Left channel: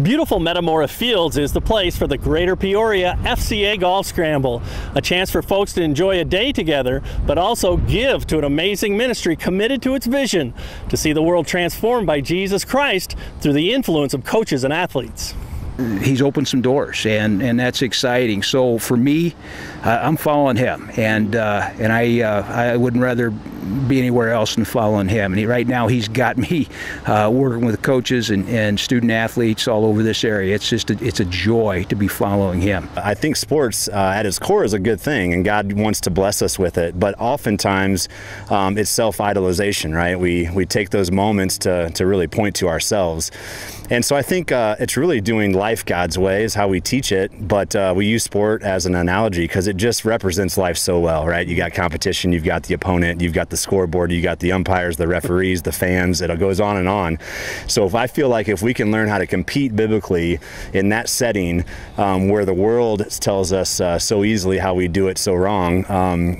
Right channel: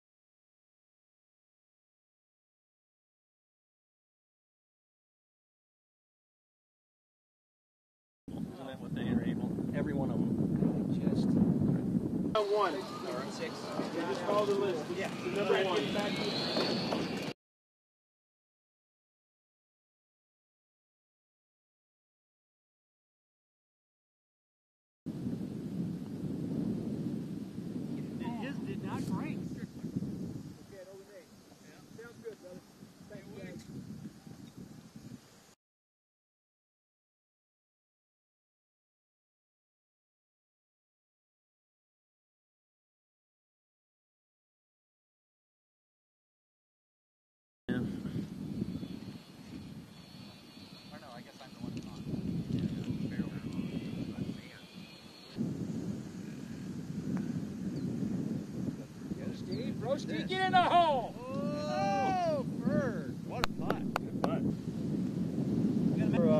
Beautiful Metamora Fields is the place for the Greater Peoria FCA Golf Scramble, a chance for folks to enjoy a day together, but also give to an amazing ministry committed to its vision to see the world transformed by Jesus Christ through the influence of coaches and athletes. He's opened some doors, and that's exciting. So for me, I'm following him, and I wouldn't rather be anywhere else than following him. And right now, he's got me working with coaches and student athletes all over this area. It's a joy to be following him. I think sports at its core is a good thing, and God wants to bless us with it. But oftentimes, it's self-idolization, right? We take those moments to really point to ourselves. And so I think it's really doing life God's way is how we teach it, but we use sport as an analogy because it just represents life so well, right? You got competition, you've got the opponent, you've got the scoreboard, you got the umpires, the referees, the fans, it goes on and on. So I feel like if we can learn how to compete biblically in that setting where the world tells us so easily how we do it so wrong,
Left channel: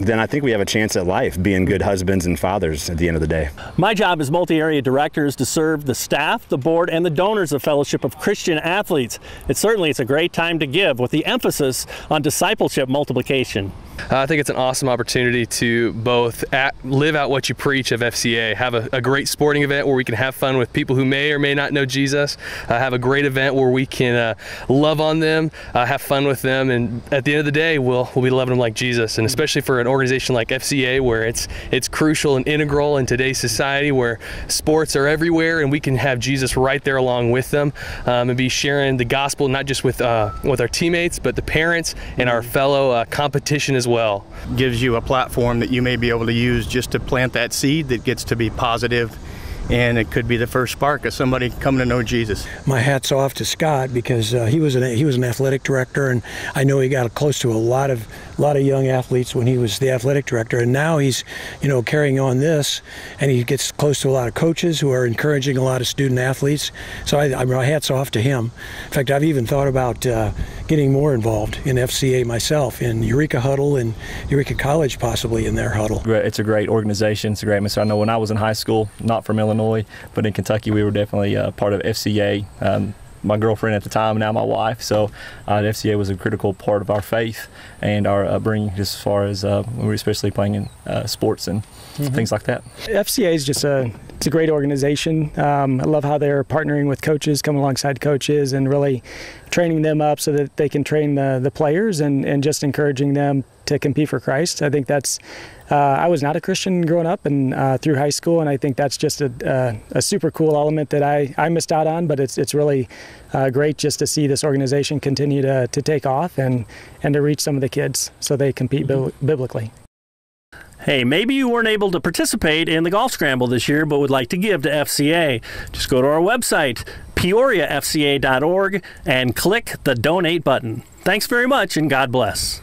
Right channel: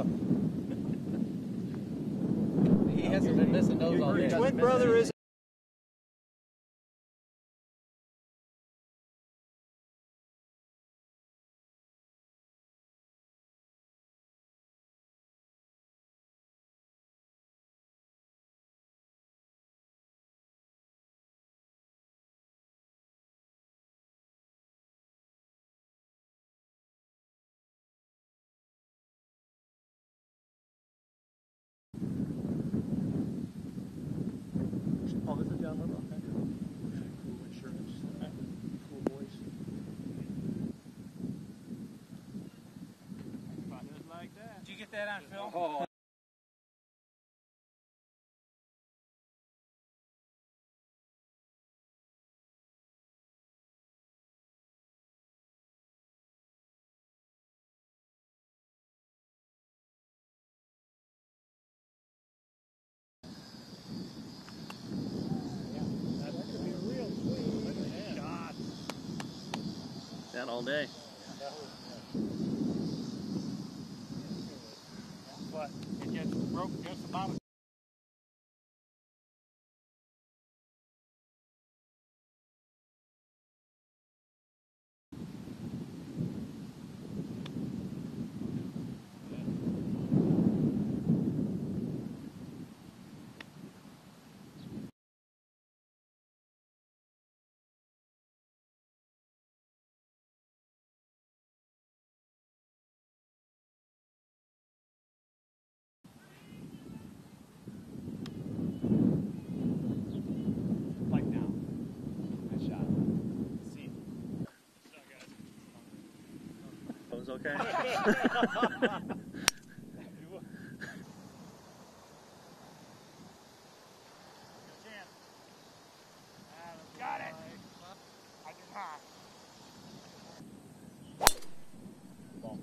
then I think we have a chance at life being good husbands and fathers at the end of the day. My job as multi-area director is to serve the staff, the board, and the donors of Fellowship of Christian Athletes. It's a great time to give with the emphasis on discipleship multiplication. I think it's an awesome opportunity to both live out what you preach of FCA, have a great sporting event where we can have fun with people who may or may not know Jesus, have a great event where we can love on them, have fun with them, and at the end of the day, we'll be loving them like Jesus. And especially for an organization like FCA, where it's crucial and integral in today's society, where sports are everywhere, and we can have Jesus right there along with them, and be sharing the gospel not just with our teammates, but the parents and our fellow competition as well. Gives you a platform that you may be able to use just to plant that seed that gets to be positive, and it could be the first spark of somebody coming to know Jesus. My hat's off to Scott because he was an athletic director, and I know he got close to a lot of young athletes when he was the athletic director, and now he's carrying on this, and he gets close to a lot of coaches who are encouraging a lot of student athletes. So my hat's off to him. In fact, I've even thought about getting more involved in FCA myself, in Eureka Huddle and Eureka College possibly in their huddle. It's a great organization. It's a great atmosphere. I know when I was in high school, not from Illinois, but in Kentucky, we were definitely part of FCA. My girlfriend at the time, now my wife, so FCA was a critical part of our faith and our upbringing, just as far as we were especially playing in sports and things like that. FCA is just it's a great organization. I love how they're partnering with coaches, coming alongside coaches, and really training them up so that they can train the players and just encouraging them to compete for Christ. I think that's I was not a Christian growing up and through high school, and I think that's just a super cool element that I missed out on, but it's really great just to see this organization continue to take off and to reach some of the kids so they compete biblically. Hey, maybe you weren't able to participate in the golf scramble this year but would like to give to FCA. Just go to our website, PEORIAFCA.org, and click the donate button. Thanks very much, and God bless.